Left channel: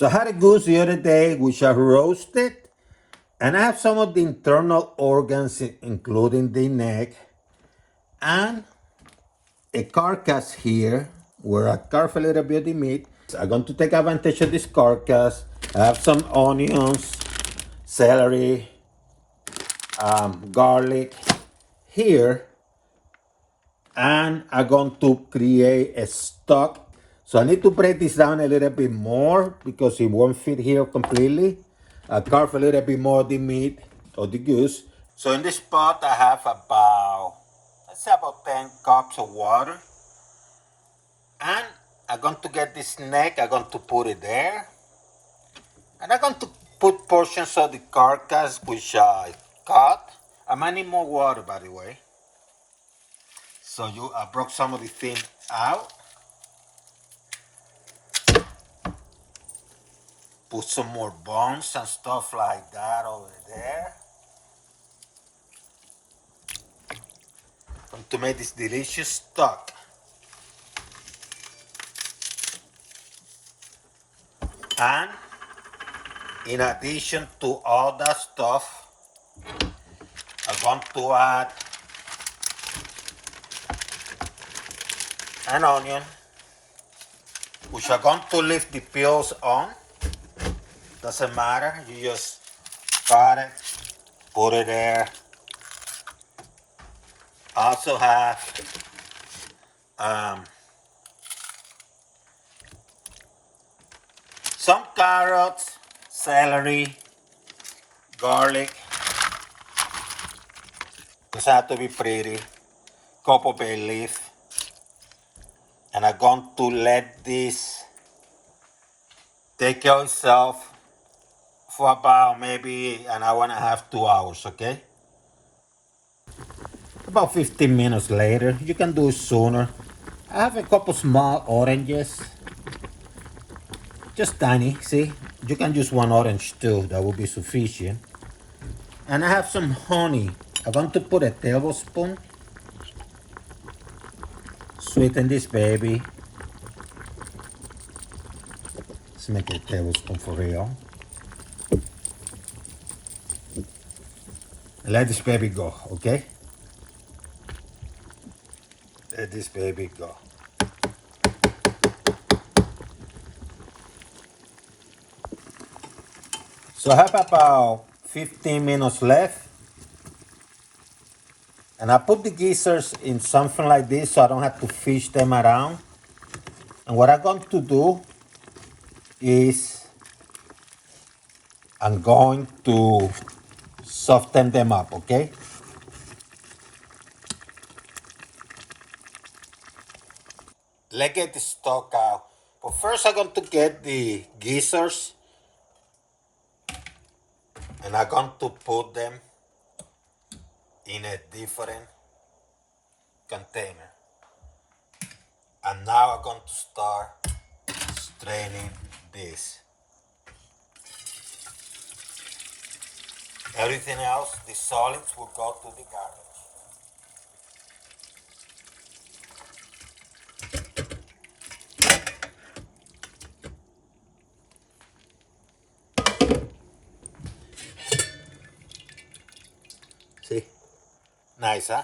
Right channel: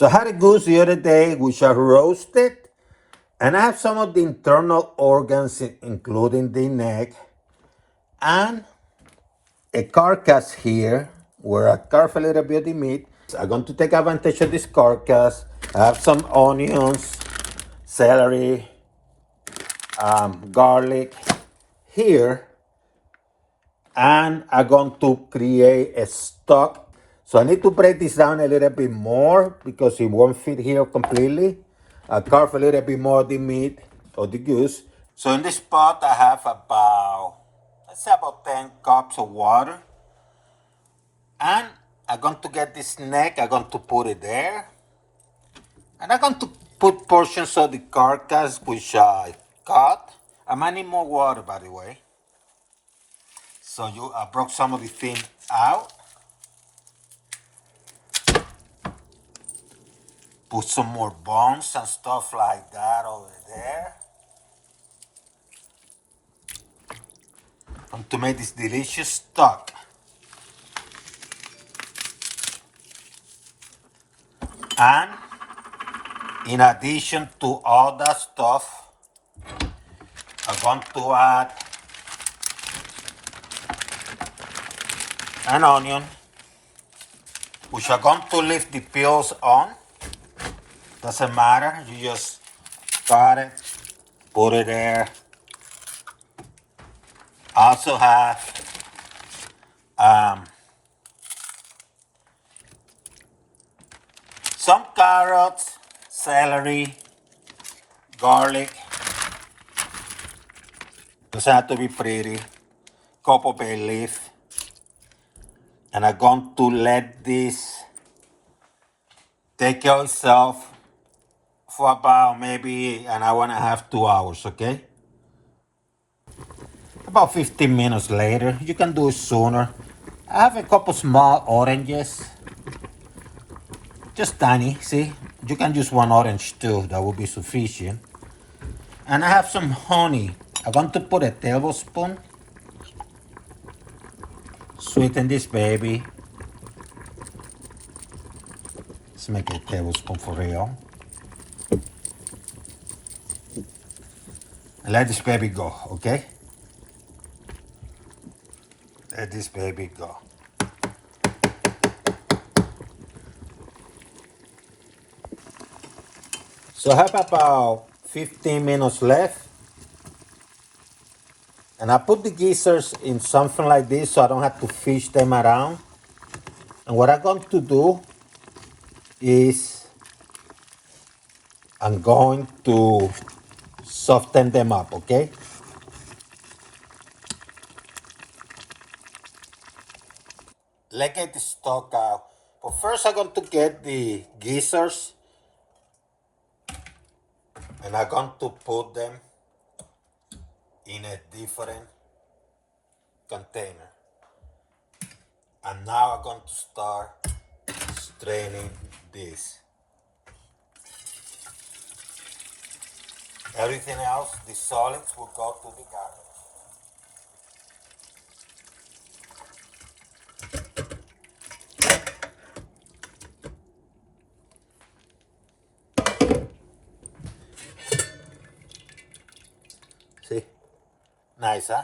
So I had a goose the other day, which I roasted. And I have some of the internal organs, including the neck. And a carcass here, where I carve a little bit of the meat. I'm going to take advantage of this carcass. I have some onions, celery, garlic here. And I'm going to create a stock. So I need to break this down a little bit more because it won't fit here completely. I carve a little bit more of the meat of the goose. So in this pot I have about, let's say about 10 cups of water. And I'm going to get this neck, I'm going to put it there. And I'm going to put portions of the carcass which I cut. I might need more water, by the way. So I broke some of the fin out. Put some more bones and stuff like that over there. And to make this delicious stock. And in addition to all that stuff, I'm going to add an onion, which I'm going to leave the peels on. Doesn't matter, you just cut it, put it there. I also have some carrots, celery, garlic. Doesn't have to be pretty. Couple bay leaf. And I'm going to let this take care of itself for about maybe an hour and a half, 2 hours, okay? About 15 minutes later, you can do it sooner. I have a couple small oranges, just tiny, see? You can use one orange too, that will be sufficient. And I have some honey. I'm going to put a tablespoon. Sweeten this baby. Let's make it a tablespoon for real. And let this baby go, okay? Let this baby go. So I have about 15 minutes left. And I put the geysers in something like this so I don't have to fish them around. And what I'm going to do is I'm going to soften them up, okay? Let's get the stock out. But first I'm going to get the geysers. And I'm going to put them in a different container. And now I'm going to start straining this. Everything else, the solids, will go to the garbage. See? Nice, huh?